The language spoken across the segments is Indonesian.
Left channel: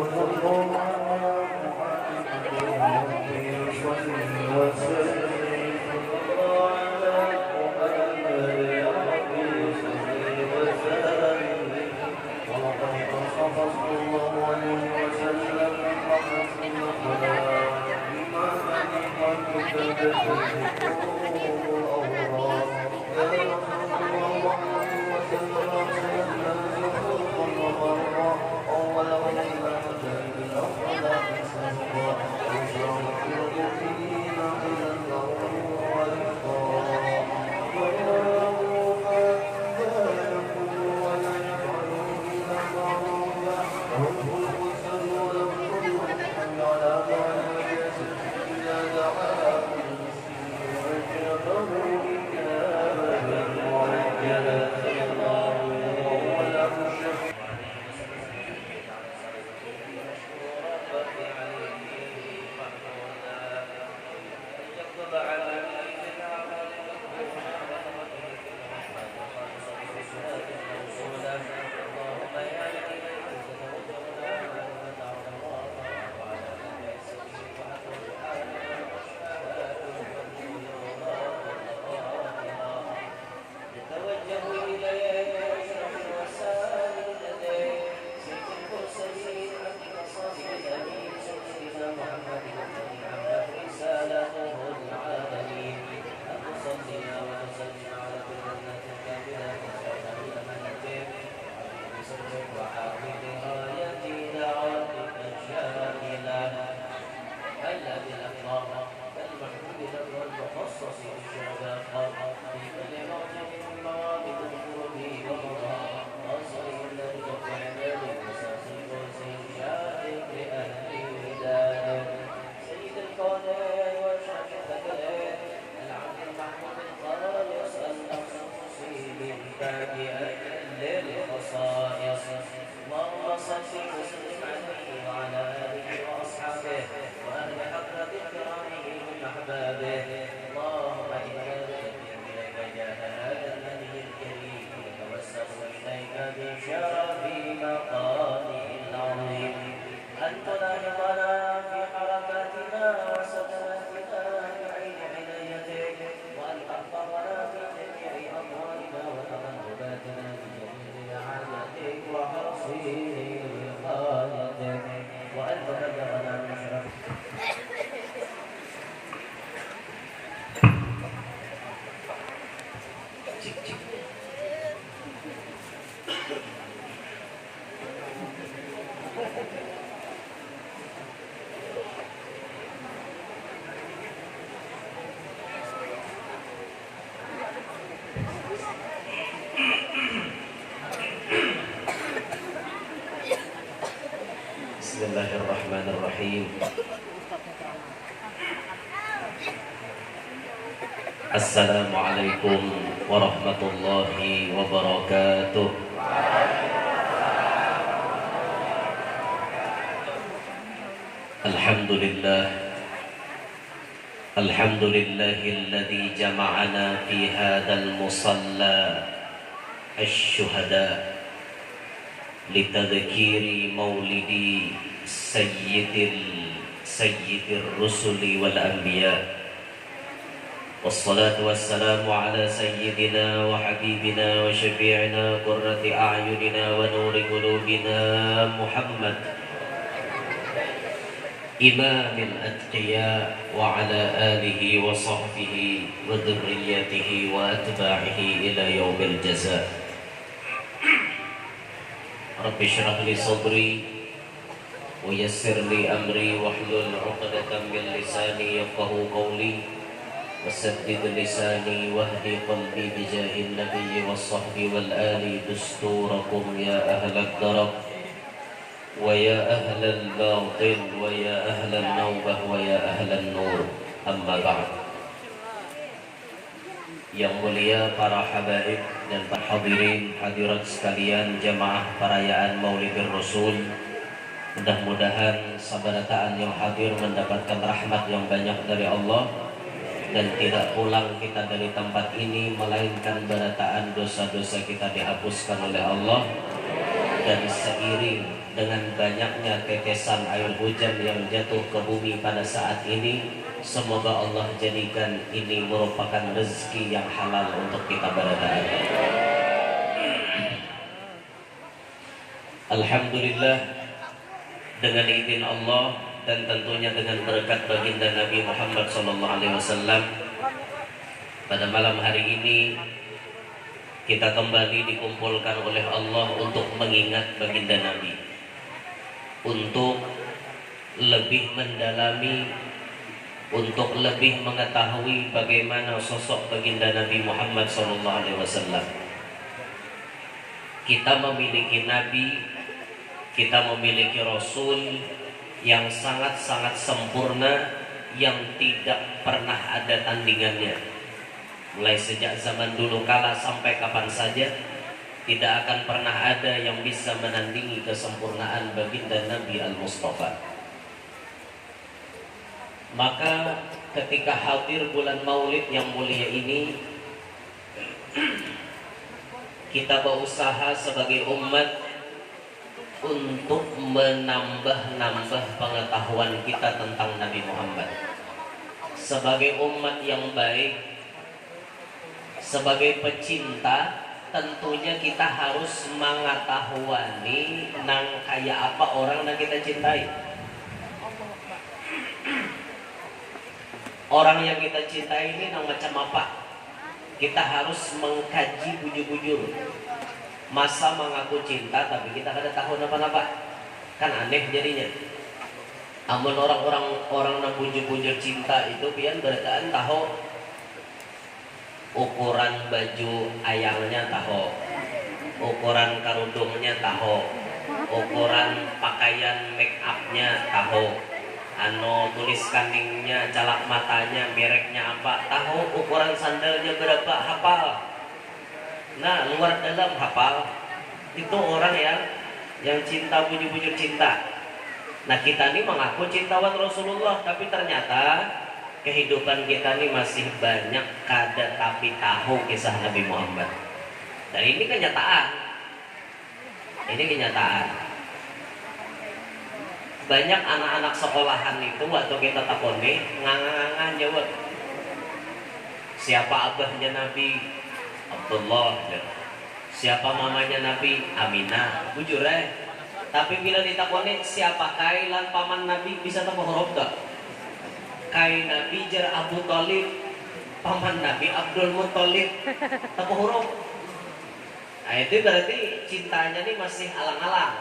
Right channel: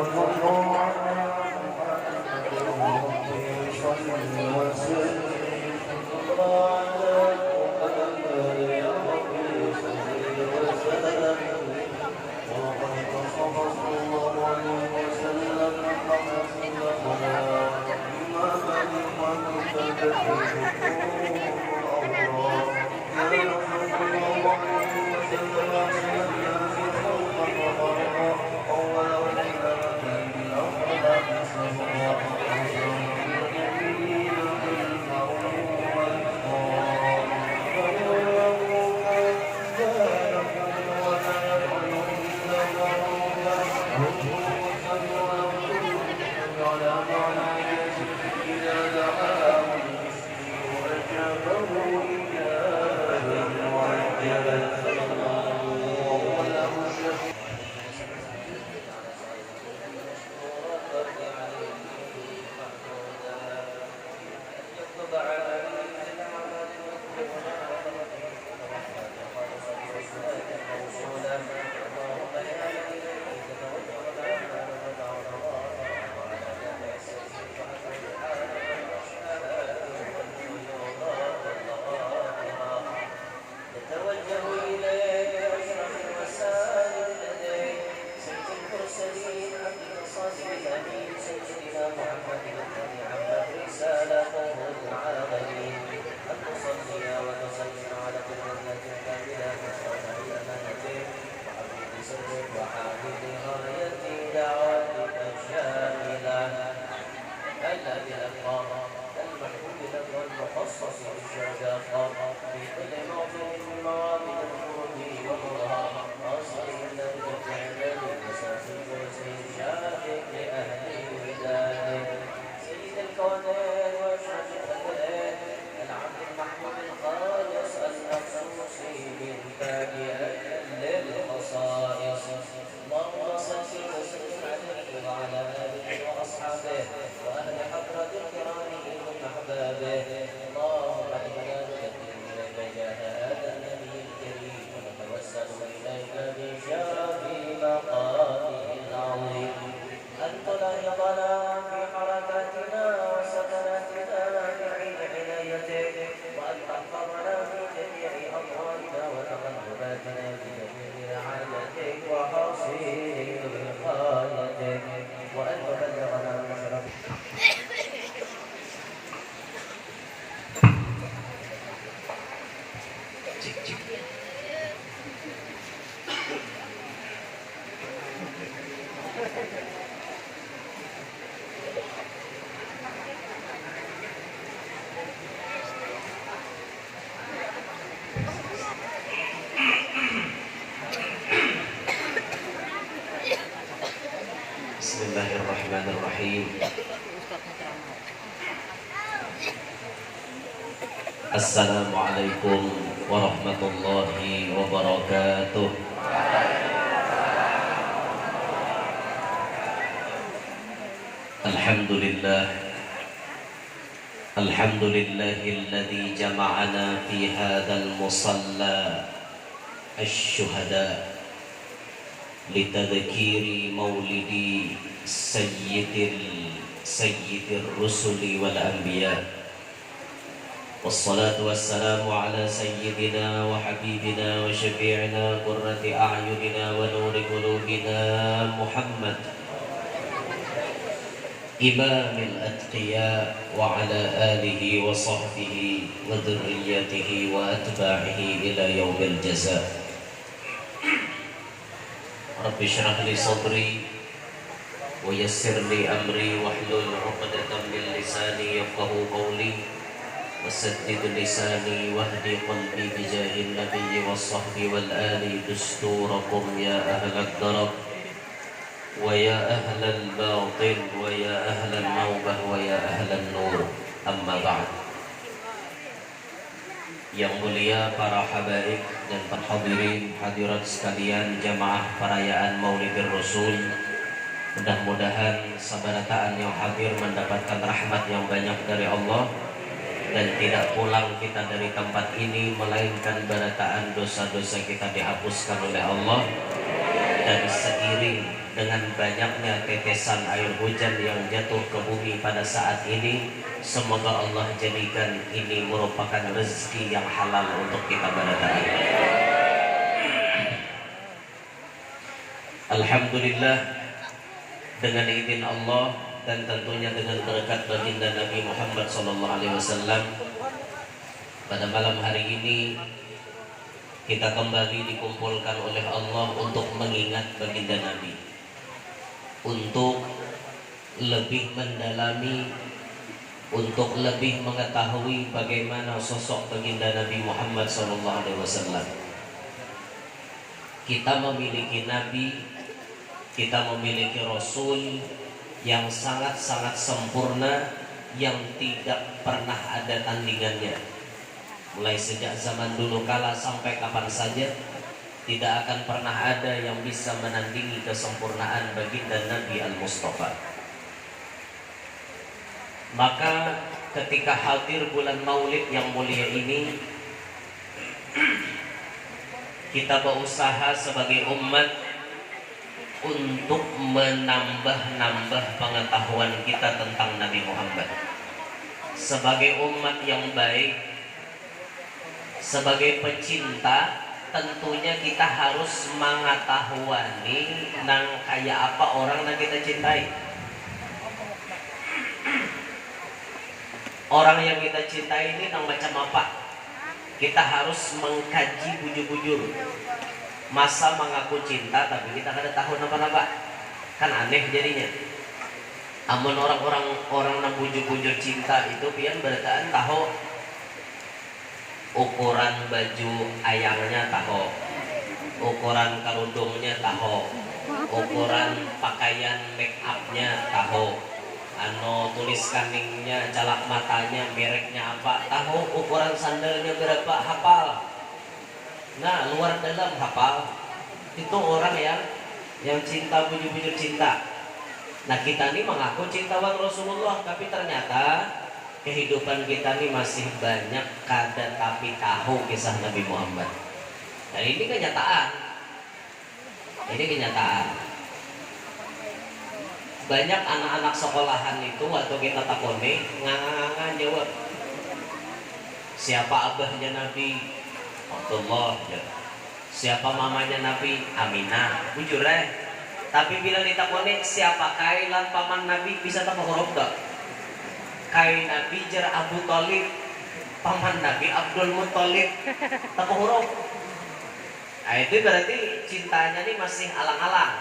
اللهم إنا نقدم إليك جاه هذا النبي الكريم ونتوسل إليه Bismillahirrahmanirrahim. Assalamualaikum warahmatullahi wabarakatuh. Alhamdulillah. Alhamdulillahilladzi jama'ana fi hadzal musalla asy-syuhada litadhkiri maulidi sayyidil rusuli wal anbiya. Wassalatu wassalamu ala sayyidina wa habibina wa syafi'ina qurrati a'yunina wa nuri qulubina Muhammad imamil atqiya wa ala alihi wa sahbihi wa dhurriyyatihi wa atba'ihi ila yaumil jazaa. Rabbi shrah li sadri wa yassir li amri wahlul 'uqdatam min lisani yafqahu qawli wasaddid lisani wahdi qalbi bijahil nabiyyi wassahbi wal ali dusturakum ya ahlal darab wa ya ahlal batil wa ya ahlal naubah wa ya ahlal nur. Amma ba'd. Yang mulia para habaib dan para hadirin hadirat sekalian, jamaah perayaan Maulidur Rasul, mudah-mudahan sabarataan yang hadir mendapatkan rahmat yang banyak dari Allah dan tidak pulang kita dari tempat ini melainkan barataan dosa-dosa kita dihapuskan oleh Allah. Dan seiring dengan banyaknya tetesan air hujan yang jatuh ke bumi pada saat ini, semoga Allah jadikan ini merupakan rezeki yang halal untuk kita barataan. Alhamdulillah, dengan izin Allah dan tentunya dengan berkat baginda Nabi Muhammad SAW, pada malam hari ini kita kembali dikumpulkan oleh Allah untuk mengingat baginda Nabi, untuk lebih mendalami, untuk lebih mengetahui bagaimana sosok baginda Nabi Muhammad SAW. Kita memiliki Nabi, kita memiliki Rasul yang sangat-sangat sempurna, yang tidak pernah ada tandingannya. Mulai sejak zaman dulu kala sampai kapan saja, tidak akan pernah ada yang bisa menandingi kesempurnaan baginda Nabi Al-Mustafa. Maka ketika hadir bulan Maulid yang mulia ini, kita berusaha sebagai umat untuk menambah pengetahuan kita tentang Nabi Muhammad. Sebagai umat yang baik, sebagai pecinta, tentunya kita harus mengetahui nang kayak apa orang yang kita cintai. Orang yang kita cintai ini nang macam apa? Kita harus mengkaji bujur-bujur. Masa mengaku cinta tapi kita kada tahu apa-apa, kan aneh jadinya. Amun orang nang bujur-bujur cinta itu pian berataan tahu ukuran baju ayangnya, tahu ukuran kerudungnya, tahu ukuran pakaian make upnya, tahu tulis kaningnya, calak matanya, mereknya apa, tahu ukuran sandalnya berapa, hafal. Nah, luar dalam hafal. Itu orang yang cinta bujur-bujur cinta. Nah, kita ini mengaku cintawan Rasulullah, tapi ternyata kehidupan kita ini masih banyak kada tapi tahu kisah Nabi Muhammad. Dan ini kenyataan. Ini kenyataan. Banyak anak-anak sekolahan itu waktu kita takoni ngangan-ngangan jawab. Siapa abahnya Nabi? Abdullah. Siapa mamanya Nabi? Aminah. Bujur Tapi bila ditakoni siapa kailan paman Nabi, bisa tak huruf tak? Kai Nabi jar Abu Thalib, paman Nabi Abdul Muthalib, tak huruf. Nah, itu berarti cintanya nih masih alang-alang.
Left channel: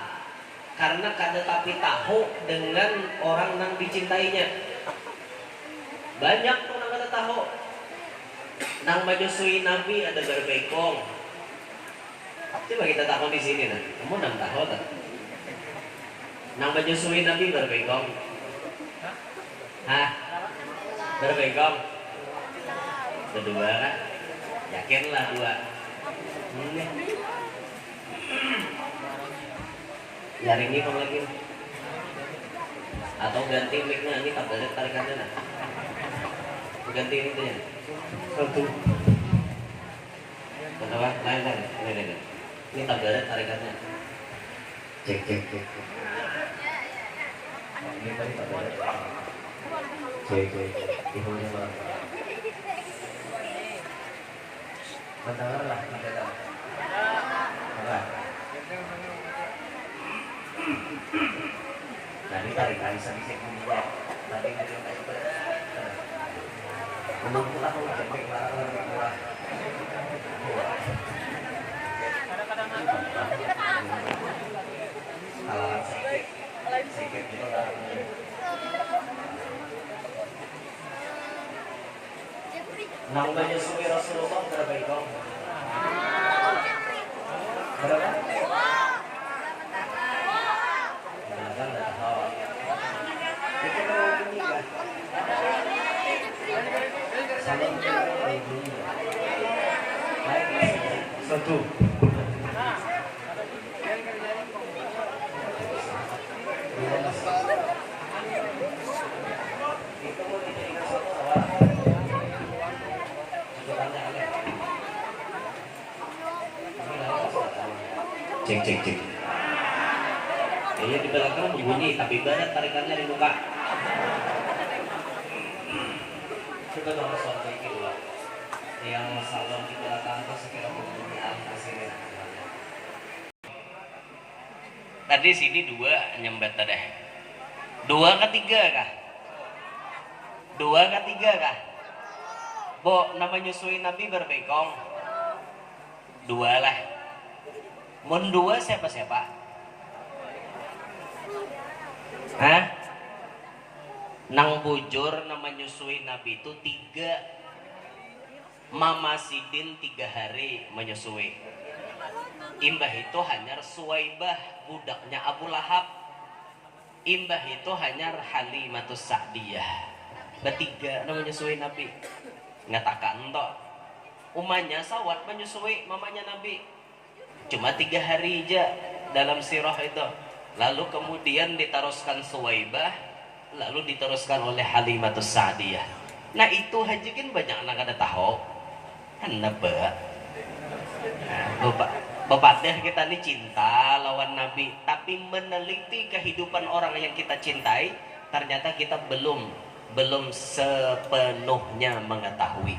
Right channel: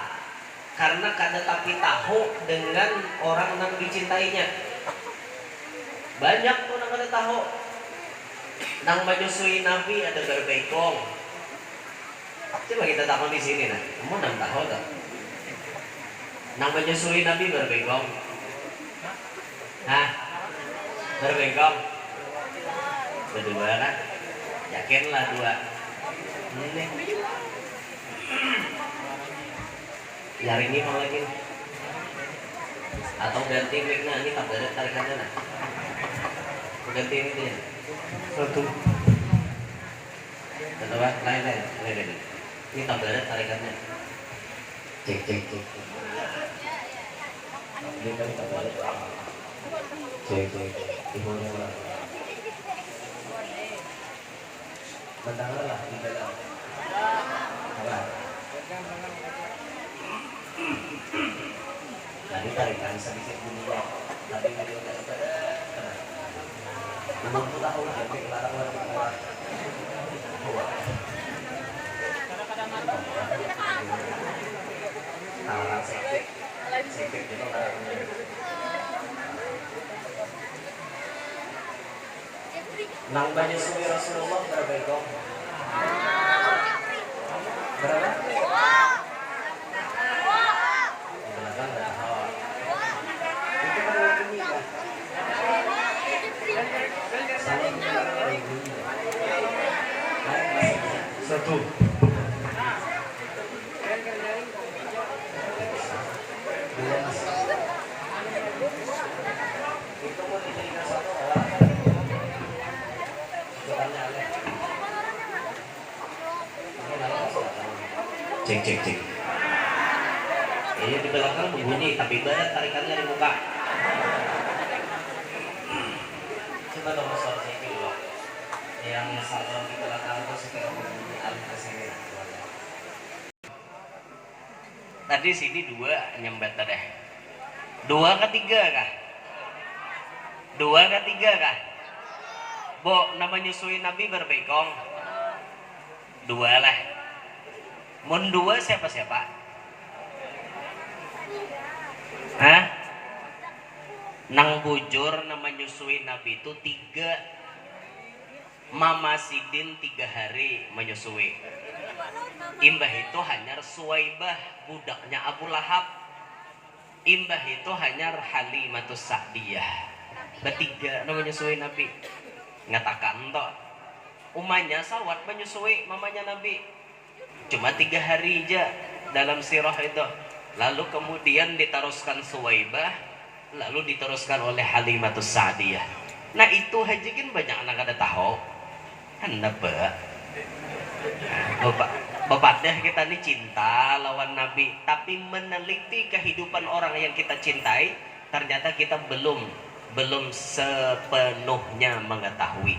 karena kada tapi tahu dengan orang yang dicintainya. Banyak tuh nang kada tahu. Nang menyusui Nabi ada berbekong. Coba kita tahu di sini nah. Kamu nang tahu tak? Nang menyusui Nabi berbekong. Hah? Berbekong. Berdua kan? Yakinlah dua. Ini. Yaring ini kalau lagi. Atau ganti mic-nya ini tak ada tarikannya nah. Ganti ini tuh ya. Satu. Betul kan? Lain. Ini tak ada tarikannya. Cek. Ini tadi tak ada. Cek. Ibunya lah. Bentar lah, bentar. Jadi tarikan sedikit juga. Tadi ada apa? 60 tahun sampai keluar. Sakit itu lah. Nang menyusui Rasulullah berapa itu? Berapa? Satu. Cek. Ini di belakang berbunyi, tapi ibarat tarikannya di muka. Coba dong soal cek dulu. Yang salon di belakang itu sekitar berbunyi al-kasir. Tadi sini 2 nyembat tadi. 2 ketiga kah? 2 ketiga kah? Bo, nama nyusui Nabi berbekong. 2 lah. Mun 2 siapa? Hah? Nang bujur nama nyusui Nabi itu 3. Mama Sidin 3 hari menyusui. Imbah itu hanya Suwaibah budaknya Abu Lahab. Imbah itu hanya Halimatus Sa'diyah. Bertiga nama menyusui Nabi. Ngatakan toh umanya sawat menyusui mamanya Nabi. Cuma 3 hari aja dalam sirah itu. Lalu kemudian diteruskan Suwaibah, lalu diteruskan oleh Halimatus Sa'diyah. Nah itu haji kan banyak anak ada tahu. Kenapa? Bapak dah kita ini cinta lawan Nabi, tapi meneliti kehidupan orang yang kita cintai, ternyata kita belum sepenuhnya mengetahui.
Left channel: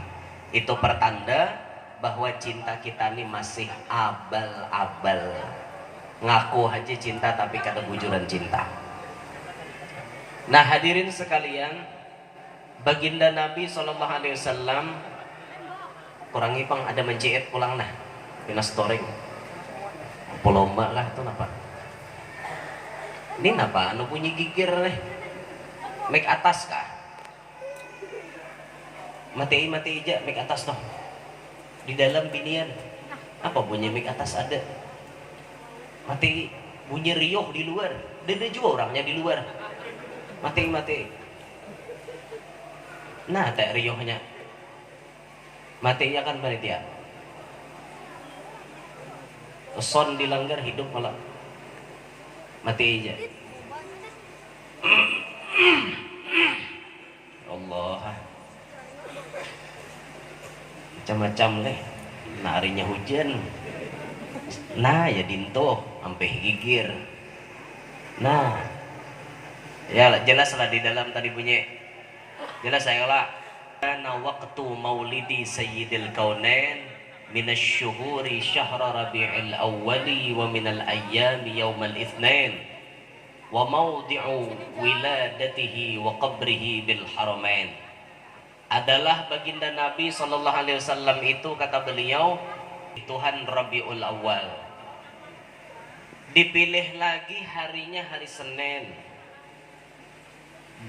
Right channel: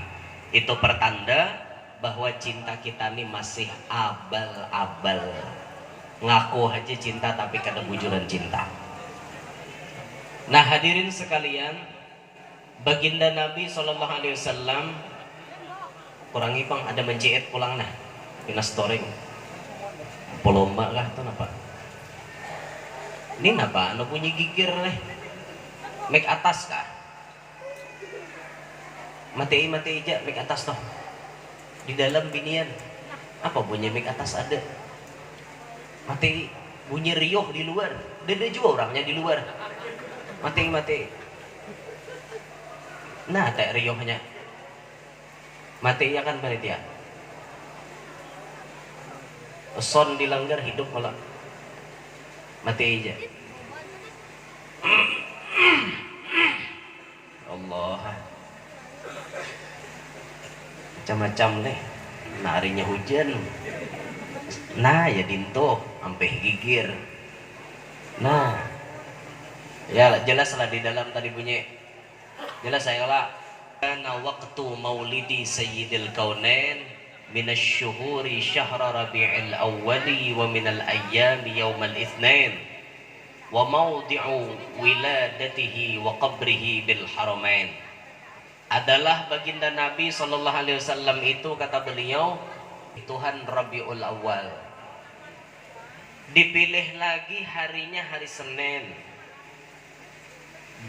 Itu pertanda bahwa cinta kita ini masih abal-abal. Ngaku aja cinta tapi kada bujuran cinta. Nah hadirin sekalian, baginda Nabi SAW kurang ipang ada menjahit pulang nah pina storing polomba lah itu napa ini napa anu bunyi gigir nih make atas kah mati aja make atas toh di dalam binian apa bunyi make atas ada mati bunyi riuh di luar dede juga orangnya di luar mati nah tak riuhnya mati ya kan panitia son dilanggar hidup malah mati aja Allah macam-macam deh harinya hujan nah ya dinto sampai gigir nah ya jelas lah di dalam tadi bunyi jelas saya lah kana waqtu maulidi sayyidil kaunain minasyuhuri syahra rabi'il awwali wa minal ayyami yawmal itsnain wa mawdi'u wiladatihi wa qabrihi bil haramain adalah baginda Nabi SAW itu kata beliau Tuhan Rabiul Awal Dipilih lagi harinya hari Senin.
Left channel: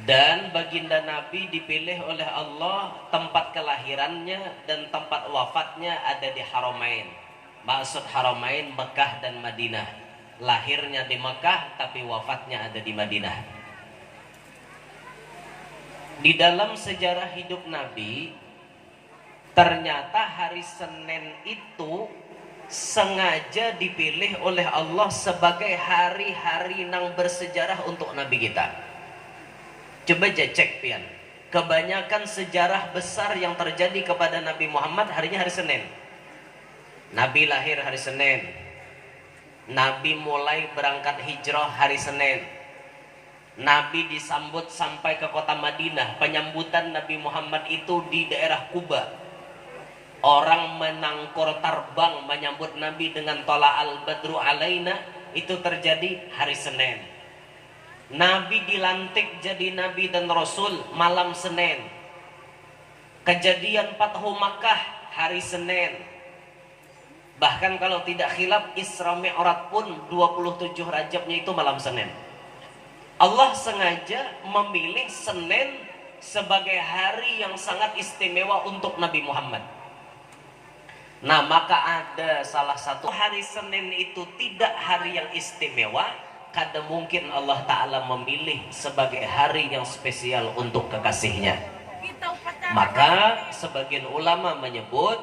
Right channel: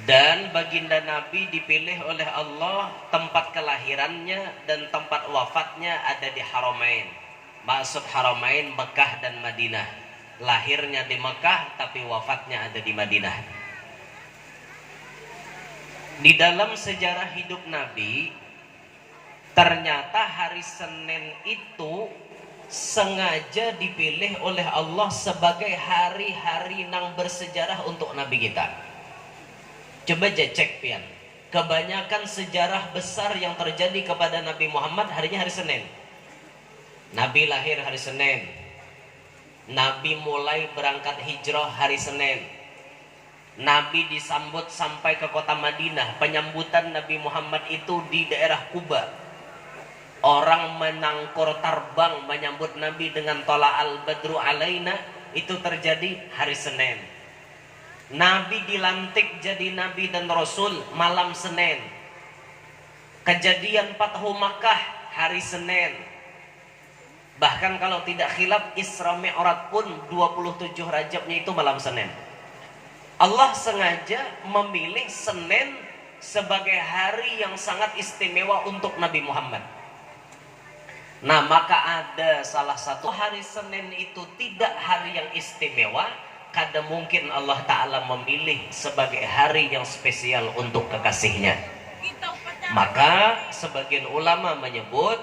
Dan baginda Nabi dipilih oleh Allah tempat kelahirannya dan tempat wafatnya ada di Haramain. Maksud Haramain Mekah dan Madinah. Lahirnya di Mekah tapi wafatnya ada di Madinah. Di dalam sejarah hidup Nabi, ternyata hari Senin itu sengaja dipilih oleh Allah sebagai hari-hari yang bersejarah untuk Nabi kita. Coba aja cek pian. Kebanyakan sejarah besar yang terjadi kepada Nabi Muhammad harinya hari Senin. Nabi lahir hari Senin. Nabi mulai berangkat hijrah hari Senin. Nabi disambut sampai ke kota Madinah. Penyambutan Nabi Muhammad itu di daerah Kuba. Orang menangkur terbang menyambut Nabi dengan tola al-badru alaina. Itu terjadi hari Senin. Nabi dilantik jadi Nabi dan Rasul malam Senin. Kejadian Fathu Makkah hari Senin. Bahkan kalau tidak khilaf Isra Mi'raj pun 27 Rajabnya itu malam Senin. Allah sengaja memilih Senin sebagai hari yang sangat istimewa untuk Nabi Muhammad. Nah, maka ada salah satu hari Senin itu tidak hari yang istimewa, kada mungkin Allah Ta'ala memilih sebagai hari yang spesial untuk kekasihnya. Maka sebagian ulama menyebut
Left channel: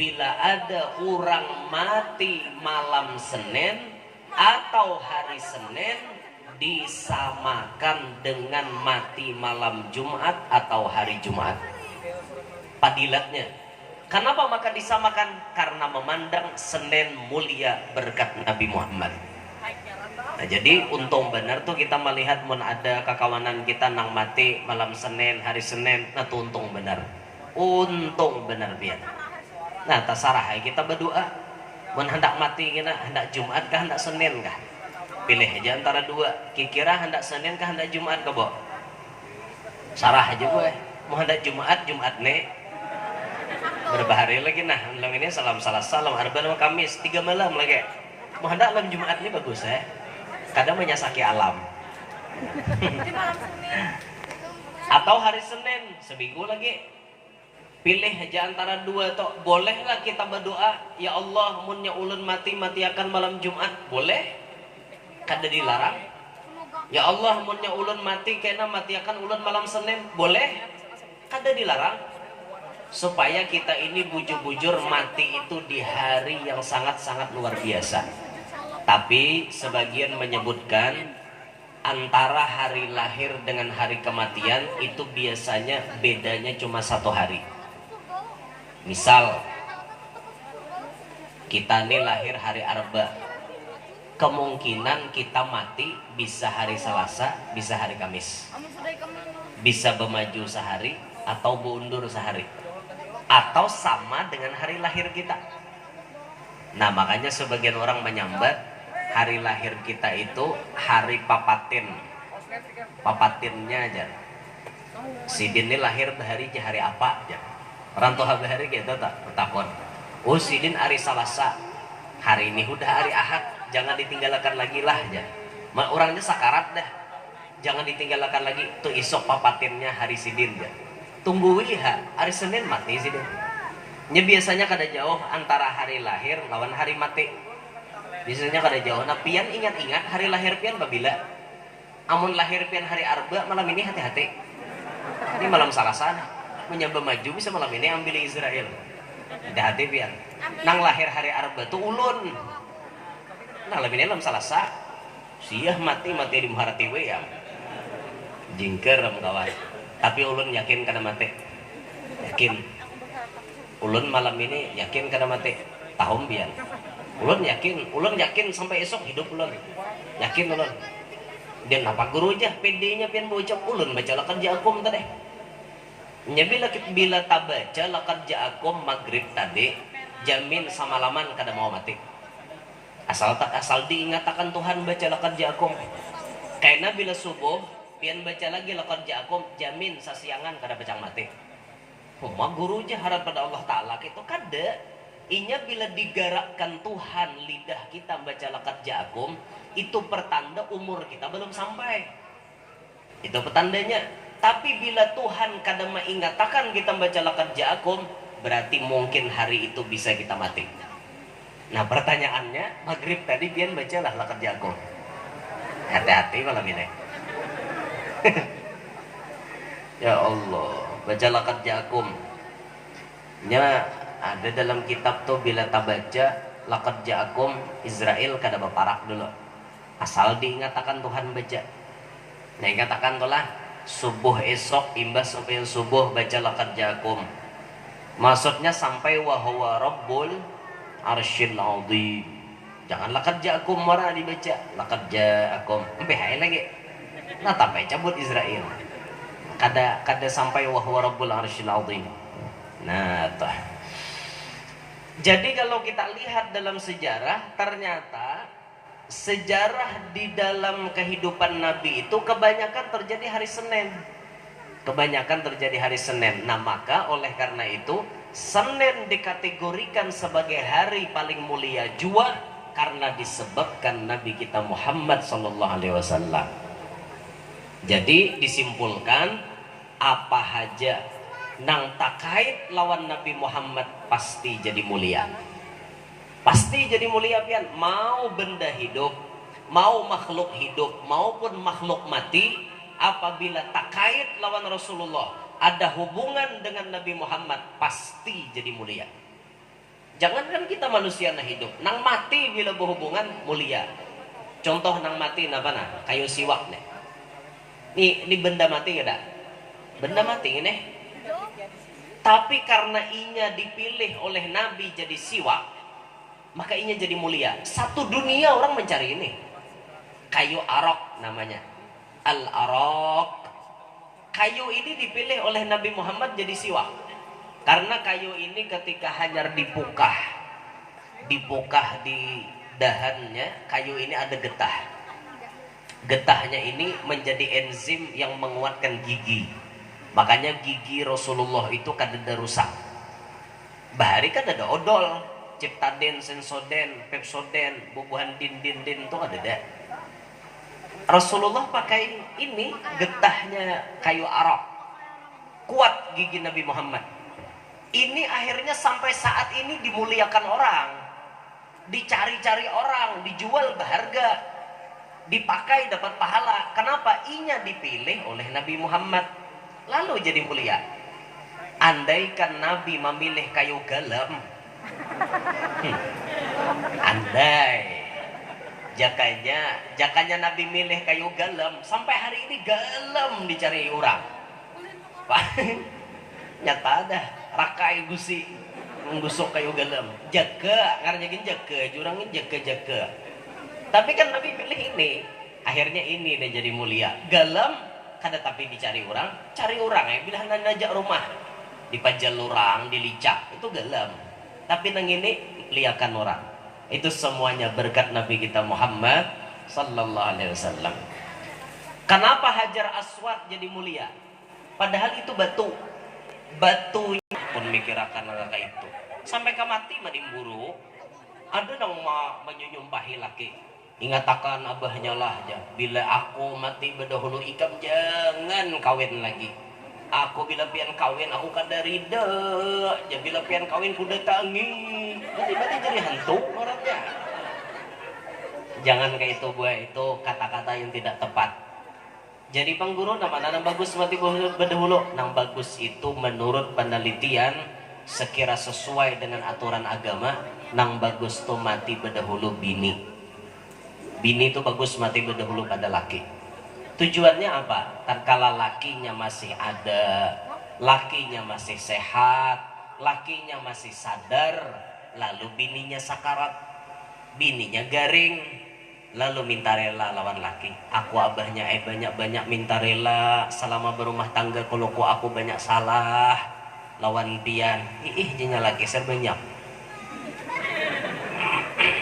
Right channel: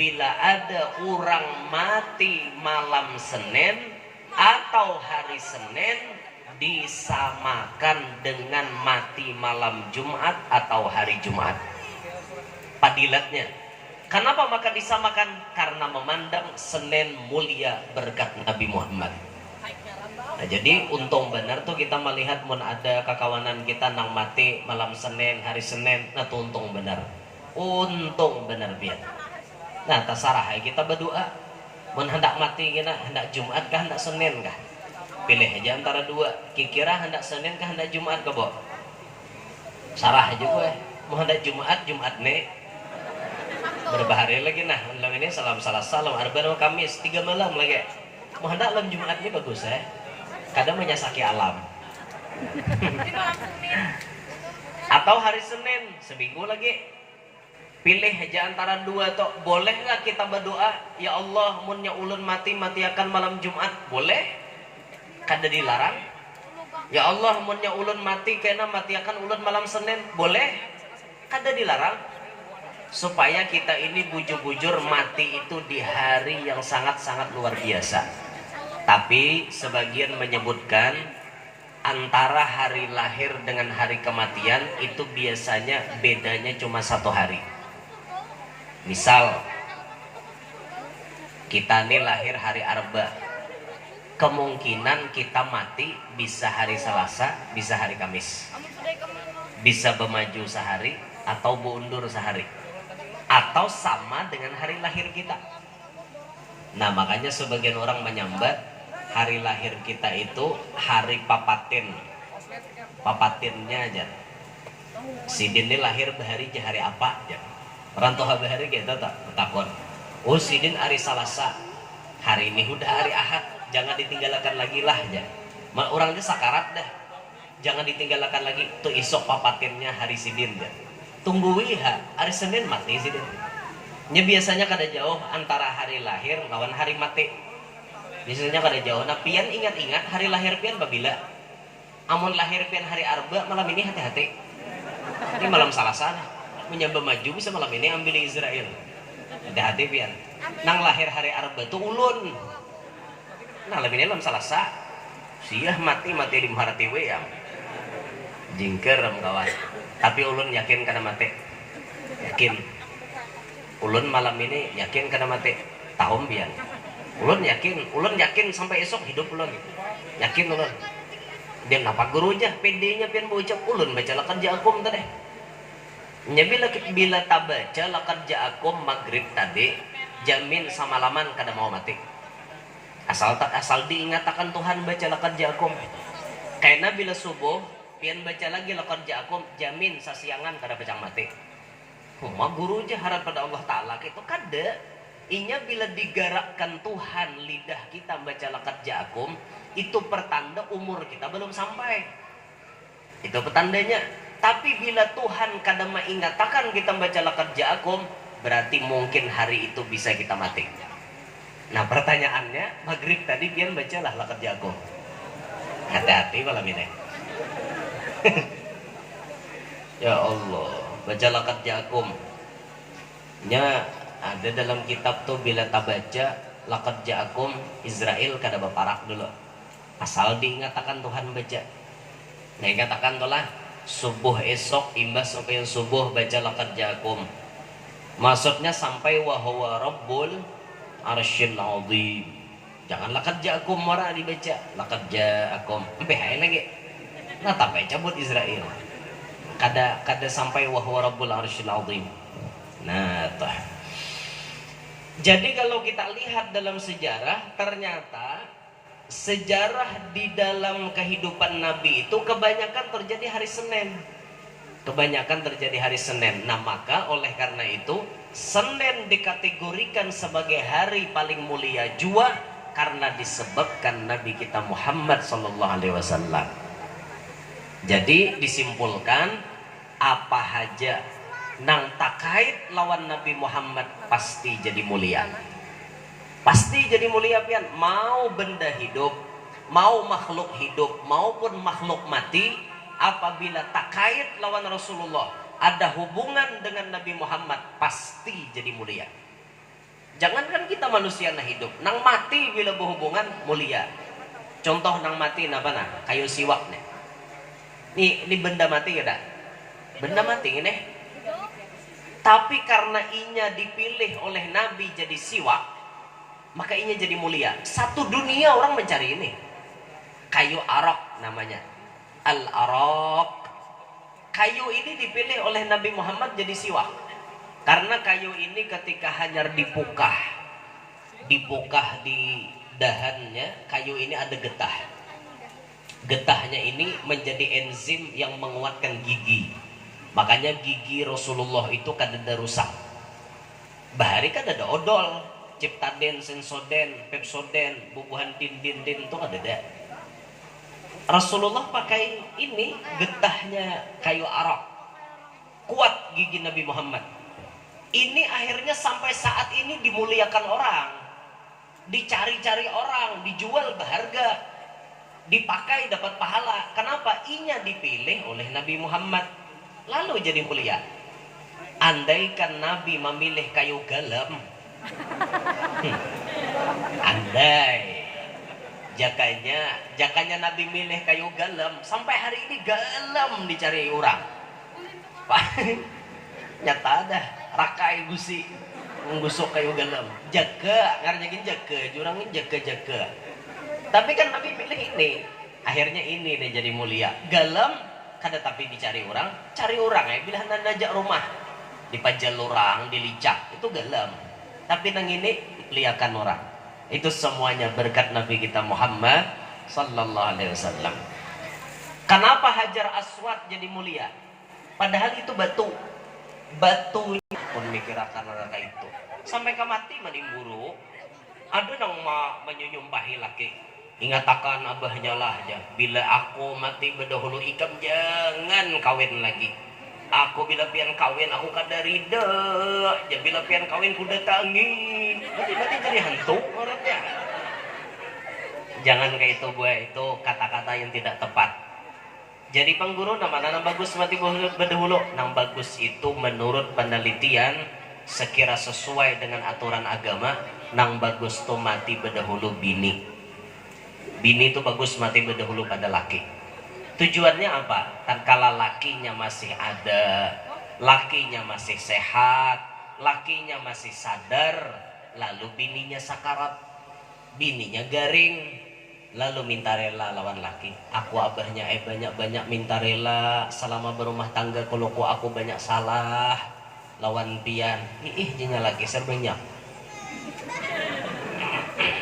bila ada orang mati malam Senin atau hari Senin disamakan dengan mati malam Jumat atau hari Jumat. Padilatnya. Kenapa maka disamakan? Karena memandang Senin mulia berkat Nabi Muhammad. Nah, jadi untung benar tuh kita melihat mun ada kekawanan kita nang mati malam Senin, hari Senin, nah tuh untung benar. Untung benar biar. Nah, tasarah kita berdoa. Mun hendak mati kita hendak Jumat kah hendak Senin kah? Pilih aja antara dua. Kira hendak Senin kah hendak Jumat kah, Bo? Sarah aja gue. Mau hendak Jumat, Jumat nih. Berapa hari lagi nah, malam ini salam Arba'in Kamis 3 malam lagi. Mau hendak malam Jumat ini bagus ya. Kadang menyasaki alam. Atau hari Senin seminggu lagi. Pilih aja antara dua toh. Bolehlah kita berdoa, ya Allah munnya ulun mati akan malam Jumat. Boleh? Kada dilarang. Ya Allah munnya ulun mati kena akan ulun malam Senin. Boleh? Kada dilarang. Supaya kita ini bujur-bujur mati itu di hari yang sangat-sangat luar biasa. Tapi sebagian menyebutkan antara hari lahir dengan hari kematian itu biasanya bedanya cuma 1 hari. Misal kita ini lahir hari Arba, kemungkinan kita mati bisa hari Selasa, bisa hari Kamis, bisa bermaju sehari atau berundur sehari, atau sama dengan hari lahir kita. Nah, makanya sebagian orang menyambat hari lahir kita itu hari papatin. Papatinnya aja. Sidin ini lahir hari apa aja. Orang tua hari kita tak takon. Oh, Sidin hari Selasa. Hari ini udah hari Ahad, jangan ditinggalkan lagi lah aja. Orangnya sakarat dah. Jangan ditinggalkan lagi. Tuh isok papatinnya hari Sidin aja. Tunggu hari Senin mati Sidin. Nya biasanya kada jauh antara hari lahir lawan hari mati. Biasanya kada jauh. Nah, pian ingat-ingat hari lahir pian babila. Amun lahir pian hari Arba malam ini hati-hati. Ini malam Selasa. Menyamba maju bisa malam ini ambil Israel. Hati-hati pian. Nang lahir hari Arba tuh ulun. Nah, malam ini malam Selasa. Siah mati di Maharati we ya. Jingker kawan. Tapi ulun yakin kada mati. Yakin. Ulun malam ini yakin kada mati. Tahun pian. Ulun yakin sampai esok hidup ulun. Yakin ulun. Dia napa guru aja PD-nya pian bocap ulun baca lakad ja'akum tadi. Nya bila tak baca lakad ja'akum maghrib tadi, jamin samalaman kada mau mati. Asal diingatakan Tuhan baca lakad ja'akum. Karena bila subuh pian baca lagi lakad ja'akum, jamin sasiangan kada pecang mati. Huma guru aja harap pada Allah Ta'ala itu kada. Inya bila digerakkan Tuhan lidah kita baca laqad ja'akum, itu pertanda umur kita belum sampai. Itu petandanya. Tapi bila Tuhan kadang mengatakan kita baca laqad ja'akum, berarti mungkin hari itu bisa kita mati. Nah pertanyaannya, maghrib tadi pian bacalah laqad ja'akum. Hati-hati malam ini. Ya Allah, baca laqad ja'akum. Nya ada dalam kitab tuh bila tak baca laqad ja'akum, Israel kada baparak dulu. Asal diingatakan Tuhan baca. Nah ingatakan tuh lah, subuh esok imbas sampai subuh baca laqad ja'akum. Maksudnya sampai wa huwa rabbul arsyil azim. Jangan laqad ja'akum marah dibaca, laqad ja'akum. Sampai hai lagi. Nah tapi cabut Israel. Kada sampai wa huwa rabbul arsyil azim. Nah, toh. Jadi kalau kita lihat dalam sejarah, ternyata sejarah di dalam kehidupan Nabi itu kebanyakan terjadi hari Senin. Kebanyakan terjadi hari Senin. Nah maka oleh karena itu Senin dikategorikan sebagai hari paling mulia jua karena disebabkan Nabi kita Muhammad SAW. Jadi disimpulkan apa aja nang takait lawan Nabi Muhammad pasti jadi mulia. Pasti jadi mulia pian. Mau benda hidup, mau makhluk hidup, maupun makhluk mati, apabila takait lawan Rasulullah, ada hubungan dengan Nabi Muhammad, pasti jadi mulia. Jangankan kita manusia nah hidup, nang mati bila berhubungan mulia. Contoh nang mati apa nah? Kayu siwak nih. Ini benda mati ada? Benda mati ini. Tapi karena inya dipilih oleh Nabi jadi siwak, maka inya jadi mulia. Satu dunia orang mencari ini. Kayu arok namanya. Al-arok. Kayu ini dipilih oleh Nabi Muhammad jadi siwak. Karena kayu ini ketika hanyar dipukah di dahannya, kayu ini ada getah. Getahnya ini menjadi enzim yang menguatkan gigi. Makanya gigi Rasulullah itu kadada rusak. Bahari kadada odol, Ciptaden, Sensoden, Pepsoden, bubuhan din itu kadada. Rasulullah pakai ini getahnya kayu arok. Kuat gigi Nabi Muhammad. Ini akhirnya sampai saat ini dimuliakan orang. Dicari-cari orang, dijual berharga. Dipakai dapat pahala. Kenapa? Inya dipilih oleh Nabi Muhammad. Lalu jadi mulia. Andaikan Nabi memilih kayu galam, andai jakanya Nabi milih kayu galam, sampai hari ini galam dicari orang. Nyata ada rakai gusi menggusuk kayu galam. Jaga, ngarnya jaga, jurangin jaga. Tapi kan Nabi pilih ini, akhirnya ini dia jadi mulia. Galam kada tapi dicari orang, cari orang ya bila hendak najak rumah dipajal orang, dilicak itu galam. Tapi nang ini liakan orang. Itu semuanya berkat Nabi kita Muhammad sallallahu alaihi wasallam. Kenapa Hajar Aswad jadi mulia? Padahal itu batu. Batunya pun mikirakan kata itu. Sampai ke mati mending buru. Ada nang menyumpahi laki. Ingatakan abahnya lah aja. Bila aku mati berdahulu ikam jangan kawin lagi. Aku bila pian kawin aku kada rida. Ya bila pian kawin kuda tangi. Berarti jadi hantu orangnya. Jangan kayak itu buah, itu kata-kata yang tidak tepat. Jadi pengguru nama bagus mati berdahulu. Nang bagus itu menurut penelitian sekira sesuai dengan aturan agama. Nang bagus tuh mati berdahulu bini. Bini itu bagus mati berdahulu pada laki. Tujuannya apa? Tatkala lakinya masih ada, lakinya masih sehat, lakinya masih sadar, lalu bininya sakarat, bininya garing, lalu minta rela lawan laki. Aku abahnya banyak-banyak minta rela selama berumah tangga kalau aku banyak salah lawan pian. Jenya lagi serbanyak.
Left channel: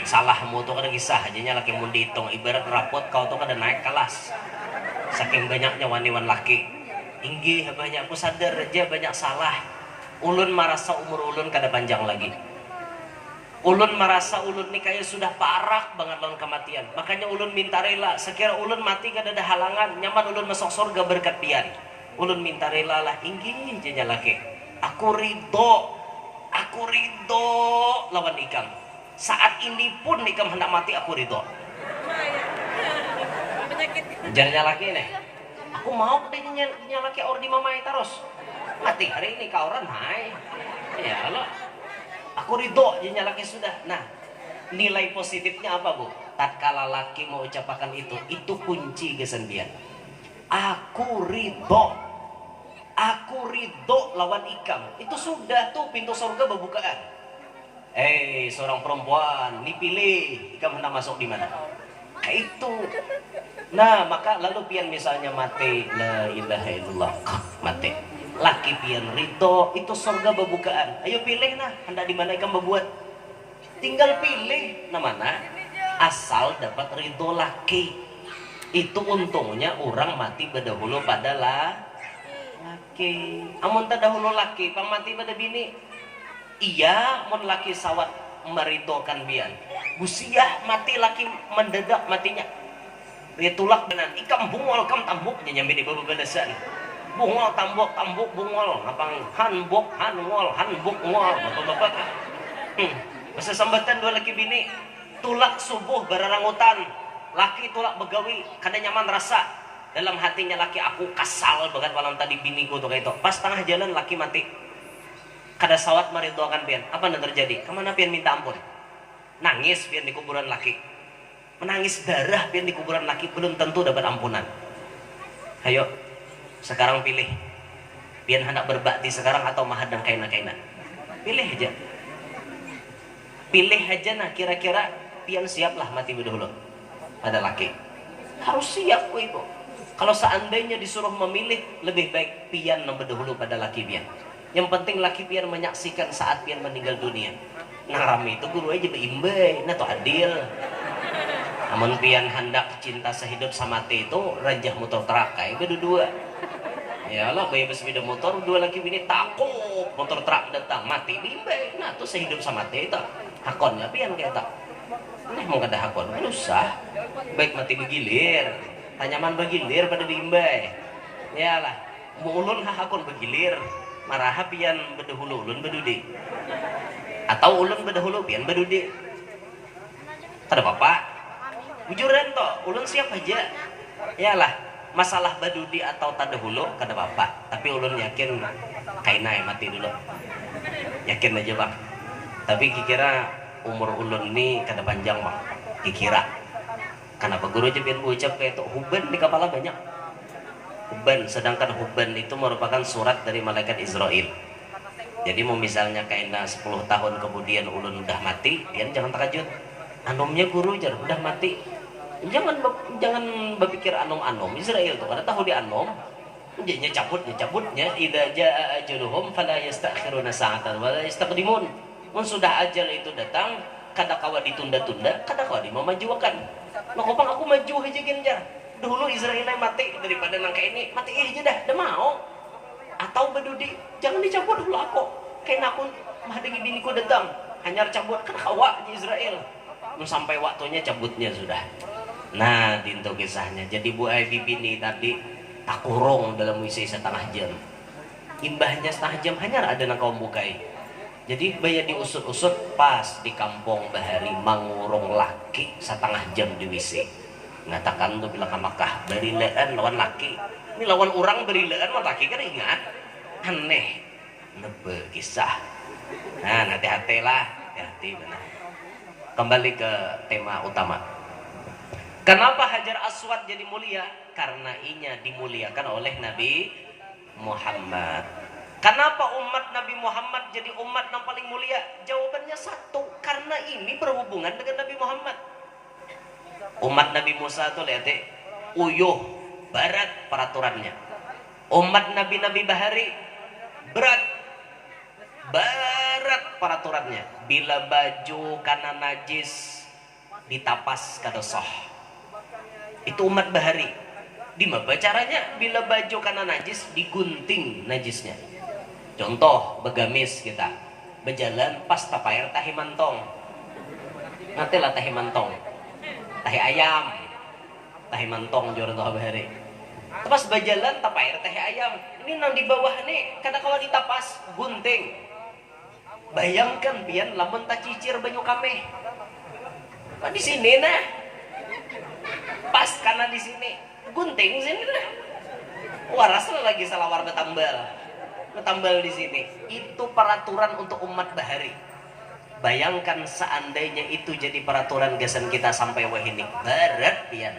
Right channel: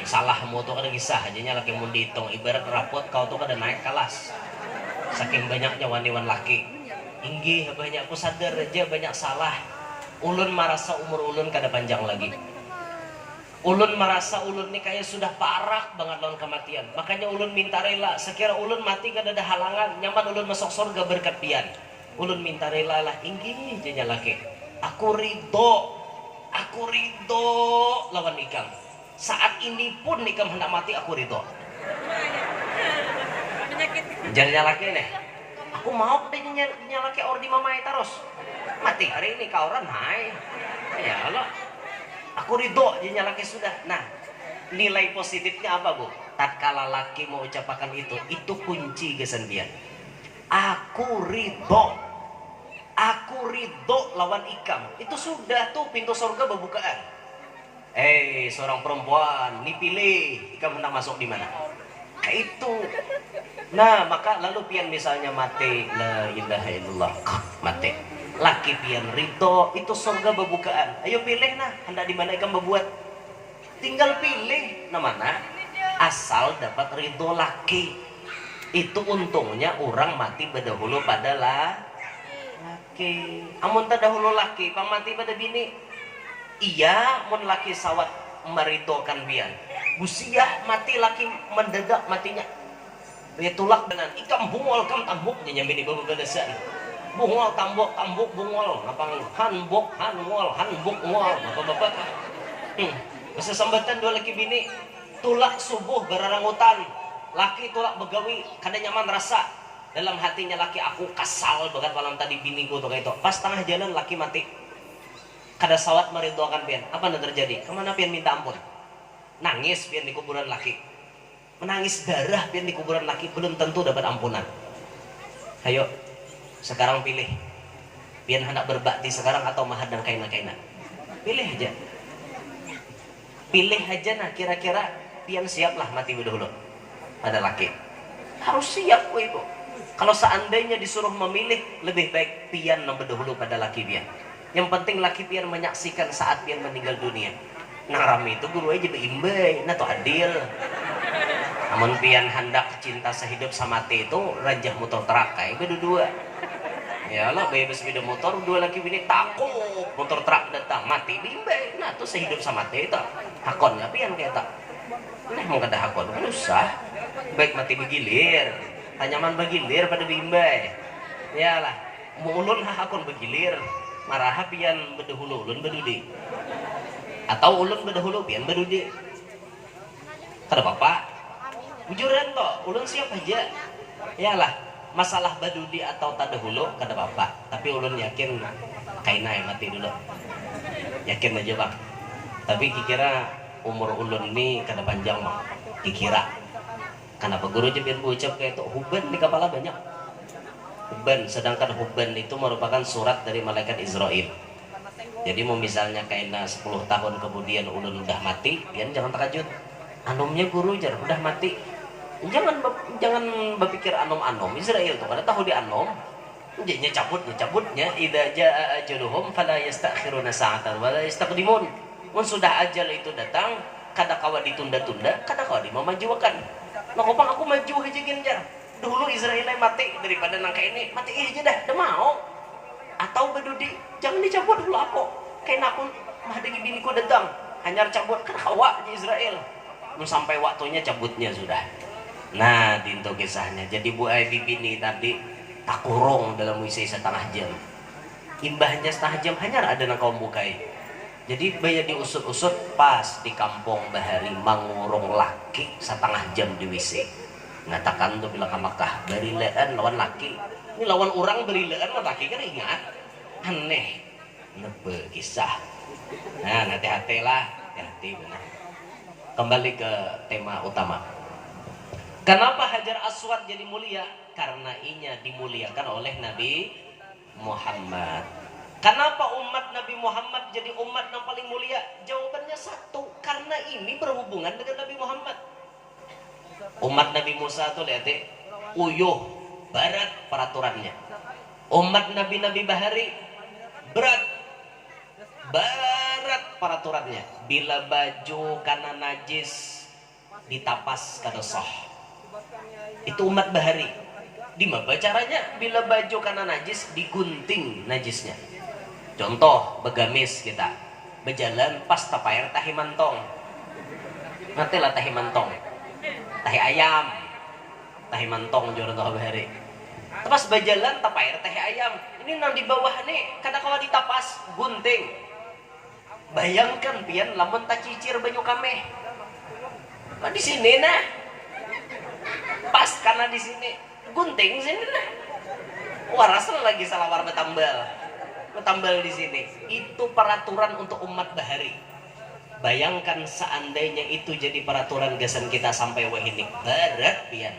Salahmu tuh kada kisah aja laki mau dihitung. Ibarat rapot kau tuh kada naik kelas saking banyaknya waniwan laki. Inggih banyak aku sadar aja banyak salah. Ulun merasa umur ulun kada panjang lagi. Ulun merasa ulun nih kayak sudah parah banget lawan kematian. Makanya ulun minta rela. Sekira ulun mati kan ada halangan. Nyaman ulun masuk surga berkat pian. Ulun minta rela lah. Inggih janya laki. Aku ridho. Aku ridho lawan ikam. Saat ini pun ikam hendak mati aku ridho. Janya laki nih. Aku mau deh nyalaki ordi mamai terus. Mati hari ini kau orang hai. Ya Allah. Aku ridho jadinya laki sudah. Nah, nilai positifnya apa bu? Tatkala laki mau ucapkan itu kunci kesendian. Aku ridho lawan ikam. Itu sudah tuh pintu surga berbukaan. Seorang perempuan, nih pilih, ikam hendak masuk di mana? Kayak itu. Nah, maka lalu pian misalnya mati, la ilaha illallah, mati. Laki pian ridho itu surga berbukaan. Ayo pilih nah, hendak di mana ikam berbuat. Tinggal pilih nah mana. Asal dapat ridho laki. Itu untungnya orang mati berdahulu pada laki. Amun terdahulu laki, pang mati pada bini. Iya, mun laki sawat meridhokan bian. Busiah mati laki mendadak matinya. Itulah dengan ikam bungol kam tambuk nyambi di bebedasan. Bungol tambuk bungol ngapang hanbok hanwol hanbuk ngol bapak-bapak. Masa sambatan dua laki bini tulak subuh berarangutan. Laki tulak begawi kada nyaman rasa dalam hatinya laki aku kasal banget malam tadi biniku tuh kayak itu. Pas tengah jalan laki mati. Kada sawat meridhoakan pian. Apa yang terjadi? Kemana pian minta ampun? Nangis pian di kuburan laki. Menangis darah pian di kuburan laki belum tentu dapat ampunan. Ayo sekarang pilih. Pian hendak berbakti sekarang atau mahadang kaina-kaina? Pilih aja. Pilih aja nah kira-kira pian siap lah mati berdahulu pada laki. Harus siap ibu. Kalau seandainya disuruh memilih lebih baik pian berdahulu pada laki pian. Yang penting laki pian menyaksikan saat pian meninggal dunia. Nah rame itu guru aja beimbai, nah tuh adil. Namun pian hendak cinta sehidup samati itu rajah motor truk kayak berdua. Ya Allah, bayi bersepeda motor dua laki bini takut motor truk datang mati bimbang. Nah tuh sehidup samati itu hakonnya pian kayak tak. Nah mau kada hakon kan usah. Baik mati begilir, tanyaman begilir pada bimbang. Ya lah, mau ulun hakon begilir. Marah pian berdahulu ulun berdudi. Atau ulun berdahulu pian berdudi. Kada apa-apa. Bujuran toh, ulun siap aja. Yalah, masalah badudi atau tadahulu kada apa-apa. Tapi ulun yakin kainai mati dulu. Yakin aja bang. Tapi kira umur ulun ni kada panjang bang. Kira. Kenapa guru aja biar ucap kayak itu huban di kepala banyak. Huban, sedangkan huban itu merupakan surat dari malaikat Israel. Jadi mau misalnya kaina 10 tahun kemudian ulun udah mati, pian jangan terkejut. Anomnya guru jar udah mati. Jangan berpikir anom Israel tuh kada tahu di anom. Jadinya cabutnya idza jaa ajaluhum fala yastakhiruna sa'atan wala yastaqdimun. Mun sudah ajal itu datang, kada kawa ditunda-tunda, kada kawa dimamajukan. Nah, kopang aku maju aja jar. Dulu Israel mati daripada nangka ini, mati aja dah mau. Atau bedudi, jangan dicabut dulu aku. Kayak aku mahadegi biniku datang, hanya cabut kan kawa di Israel. Sampai waktunya cabutnya sudah. Nah, dinto kisahnya. Jadi Bu Aibi bini tadi tak kurung dalam misi setengah jam. Imbahnya setengah jam hanya ada nang kaum bukai. Jadi banyak diusut-usut pas di kampung Bahari mangurung laki setengah jam di WC. Ngatakan tuh bilang ke Makkah, berilaan lawan laki. Ini lawan orang berilaan lawan laki kan ingat. Aneh. Nebe kisah. Nah, hati-hati lah. Hati-hati benar. Kembali ke tema utama. Kenapa Hajar Aswad jadi mulia? Karena inya dimuliakan oleh Nabi Muhammad. Kenapa umat Nabi Muhammad jadi umat yang paling mulia? Jawabannya satu, karena ini berhubungan dengan Nabi Muhammad. Umat Nabi Musa tuh lihat uyuh, berat peraturannya. Umat Nabi Bahari berat peraturannya. Bila baju karena najis ditapas kada sah. Itu umat Bahari. Di mana caranya? Bila baju karena najis digunting najisnya. Contoh begamis kita berjalan pas tapair tahimantong Nanti lah tahi mantong, tahi ayam, tahi mantong jual tahu bahari. Tapas bajalan tapa air tahi ayam. Ini nang di bawah nih, kadang kalau ditapas gunting. Bayangkan pian lamun tak cicir banyu kame. Nah, di sini nah. Pas karena di sini gunting sini nah. Waras lagi salah warna tambal di sini. Itu peraturan untuk umat bahari. Bayangkan seandainya itu jadi peraturan gasan kita sampai wahini berat pian.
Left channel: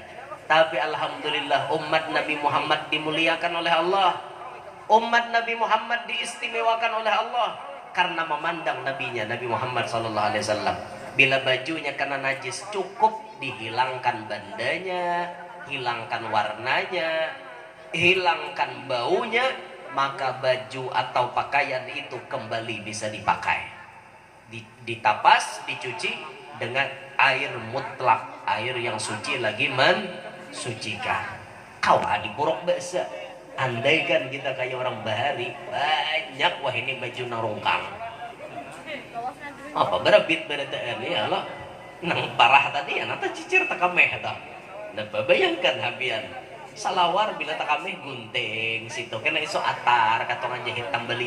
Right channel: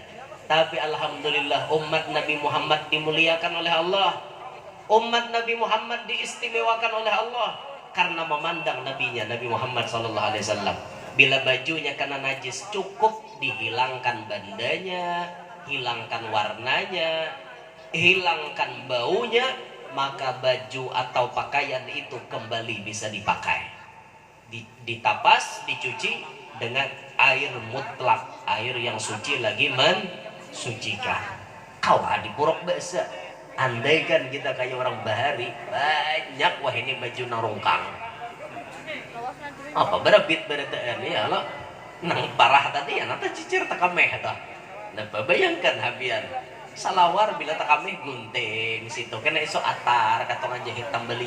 Tapi alhamdulillah umat Nabi Muhammad dimuliakan oleh Allah. Umat Nabi Muhammad diistimewakan oleh Allah karena memandang nabinya Nabi Muhammad SAW. Bila bajunya kena najis cukup dihilangkan bandanya, hilangkan warnanya, hilangkan baunya, maka baju atau pakaian itu kembali bisa dipakai. Ditapas, dicuci dengan air mutlak, air yang suci lagi mensucikan. Kau di purok basa. Andaikan kita kayak orang bahari, banyak wah ini baju narungkang. Apa berabit berataan ya lo nang parah tadi ya nanti cicir takameh ta. Dan bayangkan habian salawar bila takameh gunting situ kena iso atar katongan jahit tambali